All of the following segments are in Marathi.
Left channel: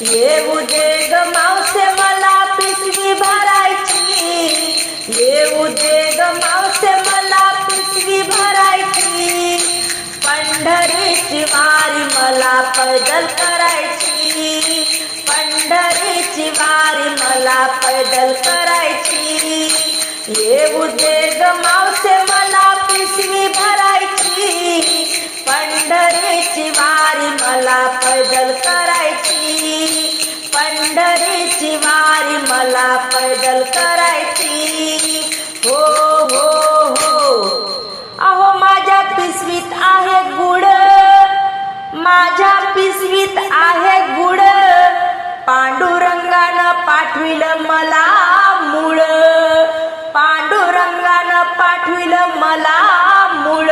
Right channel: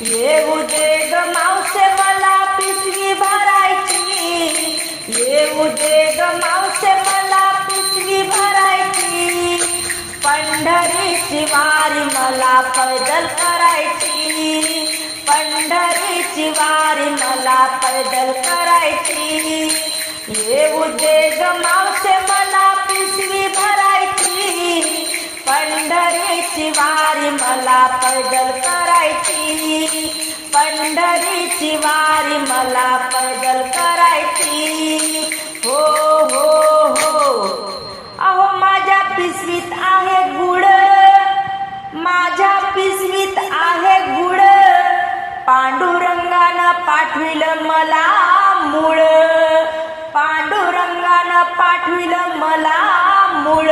येऊ दे ग मावसे मला पिशवी भरायची. येऊ दे ग मावसे मला पिशवी भरायची. पंढरीची वारी मला पैदल करायची. पंढरीची वारी मला पैदल करायची. येऊ दे ग मावसे मला पिशवी भरायची. पंढरीची वारी मला पैदल करायची. पंढरीची वारी मला पैदल करायची. हो हो हो. अहो माझ्या पिशवीत आहे गुड. माझ्या पिशवीत आहे गुड. पांडुरंगानं पाठविलं मला मुळ. पांडुरंगानं पाठविलं मला मुळ.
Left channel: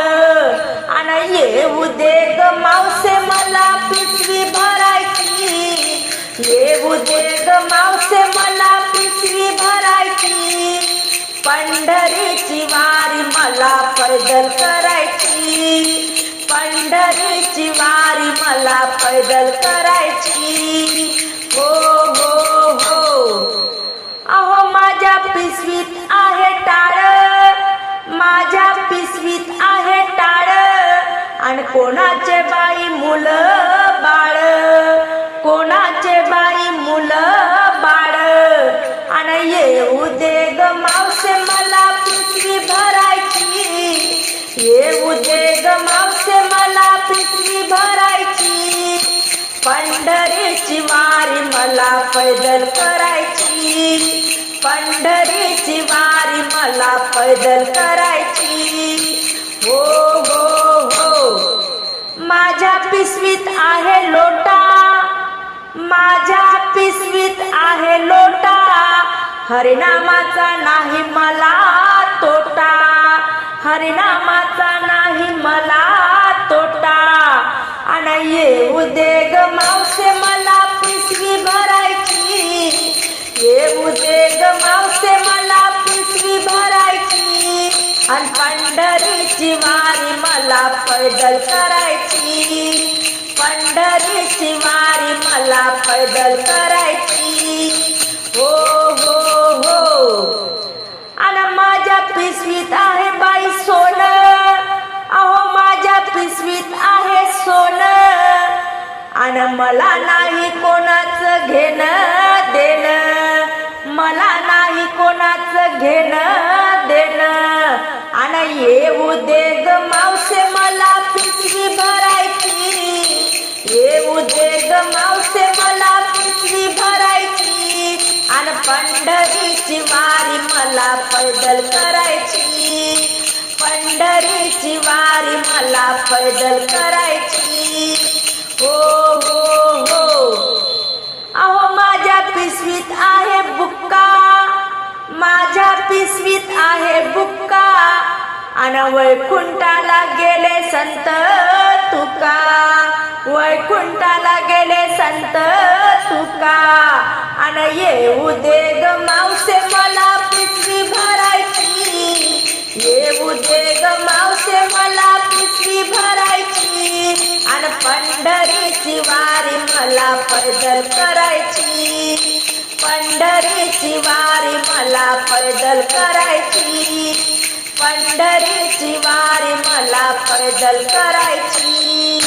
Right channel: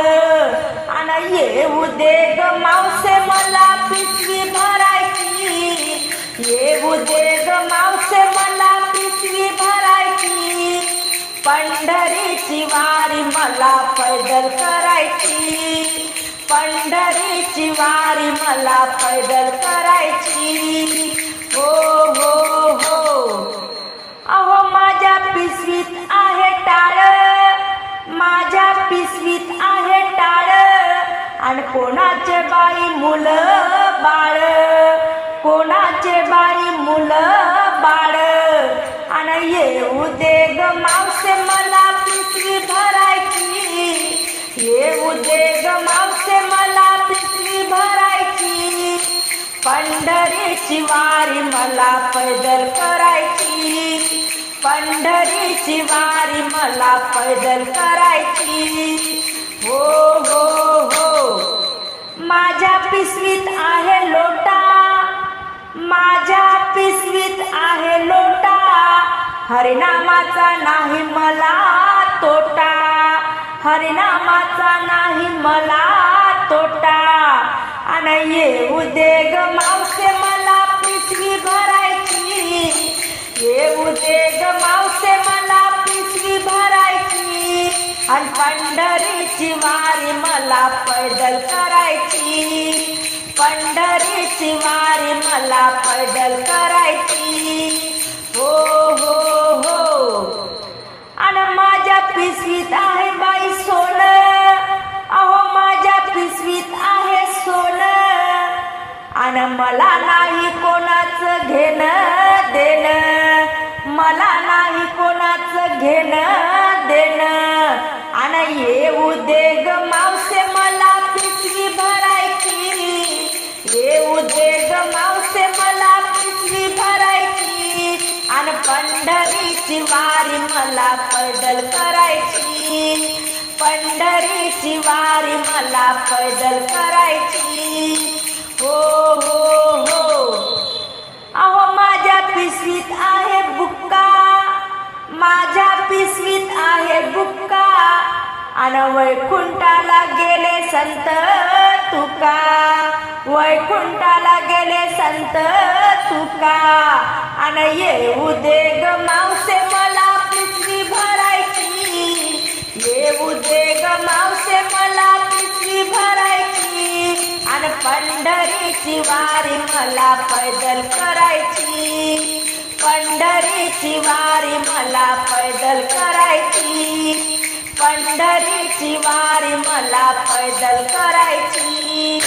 आणि येऊ दे ग मावसे मला पिशवी येऊ ग मावसे मला पिशवी भरायची पंढरीची वारी मला पैदल करायची। पंढरीची वारी मला पैदल करायची। हो हो हो। अहो माझ्या पिशवीत आहे टाळ। माझ्या पिशवीत आहे टाळ। आणि कोणाचे बाई मुलं बाळ? पंढरीची वारी मला पैदल करायची. पंढरीची वारी मला पैदल करायची. हो हो हो. माझ्या पिशवीत आहे लोटा. माझ्या पिशवीत आहे लोटा. हरिनामाचा नाही मला तोटा. हरिनामाचा नाही मला तोटा. आणि येऊ दे आणि पंढरीची वारी मला पैदल करायची. पंढरीची वारी मला पैदल करायची. हो हो हो. आणि माझ्या पिशवीत आहे बाई सोनं. अहो माझ्या पिशवीत आहे सोनं. आणि मला नाही कोणाचं घेणं देणं. मला नाही कोणाचं घेणं आणि येऊ दे ग मावसे मला पिशवी भरायची. येऊ दे ग मावसे मला पिशवी भरायची. आणि पंढरीची वारी मला पैदल करायची. पंढरीची वारी मला पैदल करायची. माझ्या पिसवीत आहे बुक्का. आणि वैकुंठाला गेले संत तुका. वैकुंठाला गेले संत तुका. आणि येऊ दे ग मावसे मला पिसवी भरायची. येऊ दे ग मावसे मला पिसवी भरायची. आणि पंढरीची वारी मला पैदल करायची. पंढरीची वारी मला पैदल करायची. पंढरीची वारी मला पैदल करायची.